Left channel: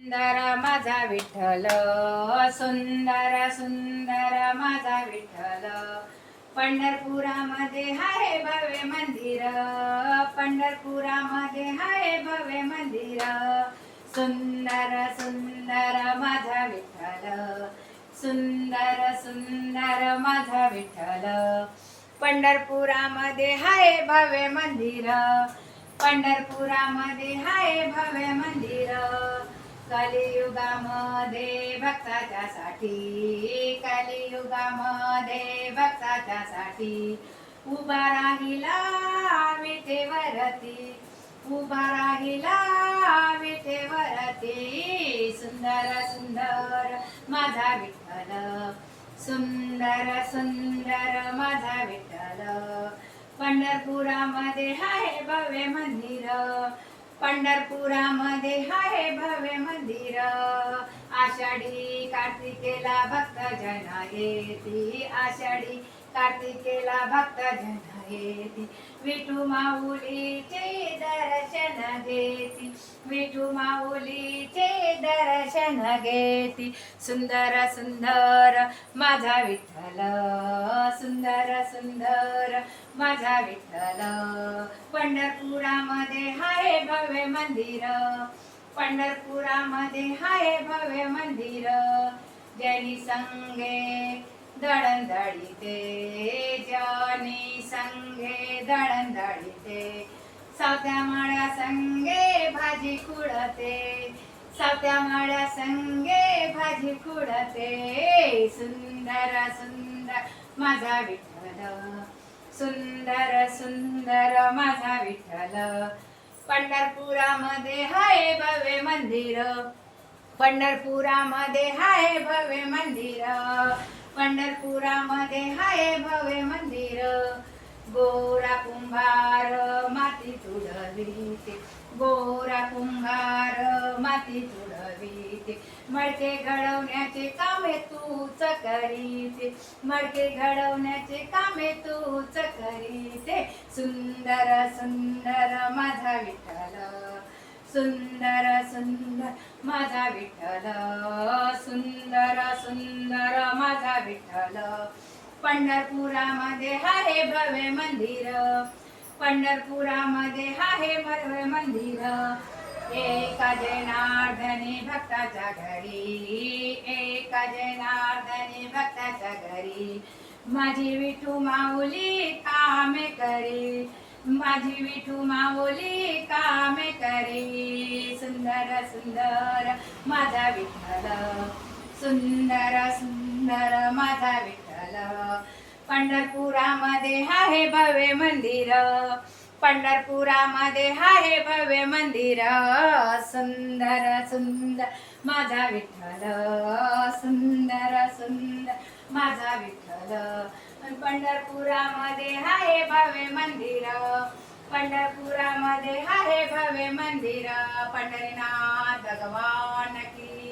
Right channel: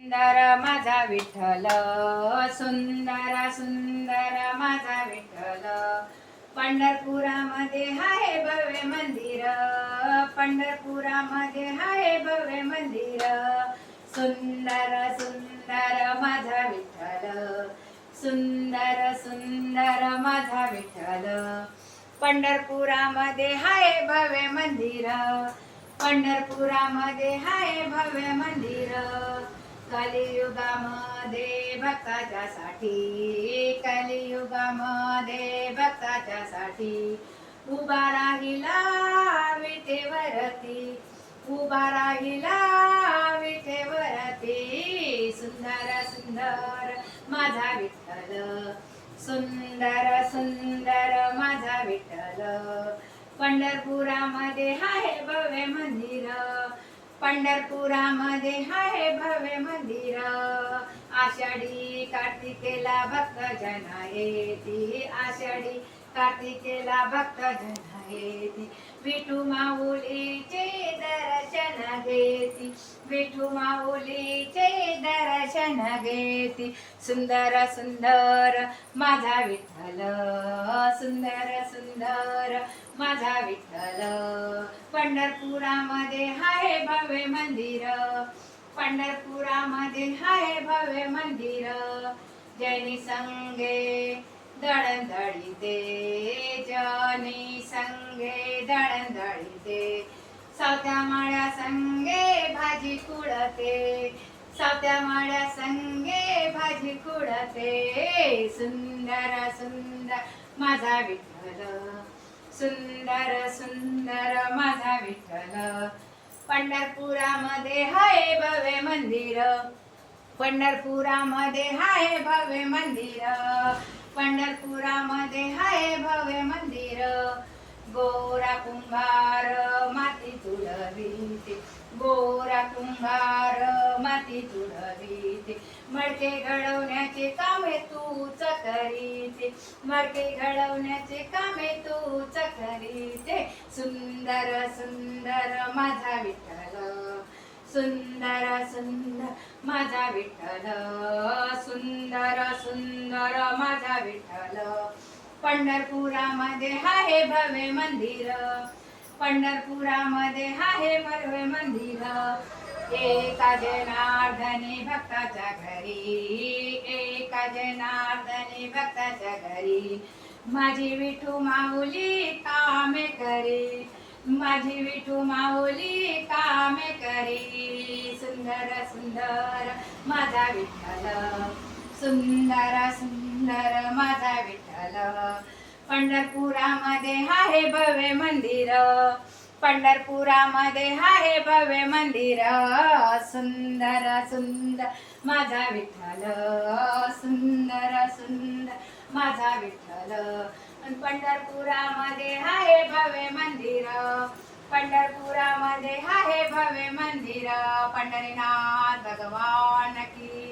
सुंदर माझा विठ्ठल, सुंदर सुंदर माझा विठ्ठल, पंढरपुरामध्ये हाय भव्य मंदिर, पंढरपुरामध्ये हाय भव्य मंदिर, सुंदर सुंदर माझा विठ्ठल, सुंदर सुंदर माझा विठ्ठल, पंढरपुरामध्ये हाय भव्य मंदिर, पंढरपुरामध्ये हाय भव्य मंदिर, कलियुगामध्ये भक्ताच्या साठी, कलियुगामध्ये भक्ताच्या साठी उभा राहिला विठेवरती, उभा राहिला विठेवरती, सुंदर सुंदर माझा विठ्ठल, सुंदर सुंदर माझा विठ्ठल, पंढरपुरामध्ये हाय भव्य मंदिर, पंढरपुरामध्ये हाय भव्य मंदिर, आषाढी कार्तिकेला भक्त जन येती, आषाढी कार्तिकेला भक्त जन येती, विठू माऊलीचे दर्शन घेती, विठू माऊलीचे दर्शन घेती, सुंदर सुंदर माझा विठ्ठल, सुंदर सुंदर माझा विठ्ठल, पंढरपुरामध्ये हाय भव्य मंदिर, पंढरपुरामध्ये हाय भव्य मंदिर, जैनी संगे दळणदळीते, जनी संगे दळणदळीते, सावत्या माळ्या संगे भाजी कुडते, सावत्या माळ्या संगे भाजी कुडते, सुंदर सुंदर माझा विठ्ठल, सुंदर सुंदर माझा विठ्ठल, पंढरपुरामध्ये हाय भव्य मंदिर, पंढरपुरामध्ये हाय भव्य मंदिर, पंढरपुरामध्ये हाय भव्य मंदिर, गोरा कुंभार माती तुडवीते, गोरा कुंभार माती तुडवीते, मडके घडवण्याचे कामे तूच करीते, मडके घडवण्याचे कामे तूच करीते, सुंदर सुंदर माझा विठ्ठल, सुंदर सुंदर माझा विठ्ठल, सुंदर सुंदर माझा विठ्ठल, पंढरपुरामध्ये हाय भव्य मंदिर, पंढरपुरामध्ये हाय भव्य मंदिर, एका जनार्दनी भक्ताच्या घरी, एका जनार्दनी भक्ताच्या घरी, माझी विठू माऊली कामे करी, माझी विठू माऊली कामे करी, सुंदर सुंदर माझा विठ्ठल, सुंदर सुंदर माझा विठ्ठल, पंढरपुरामध्ये हाय भव्य मंदिर, पंढरपुरामध्ये हाय भव्य मंदिर, सुंदर सुंदर माझा विठ्ठल, सुंदर सुंदर माझा विठ्ठल, पंढरपुरामध्ये हाय भव्य मंदिर, पंढरपुरामध्ये हाय भव्य मंदिर, पंढरीनाथ भगवान की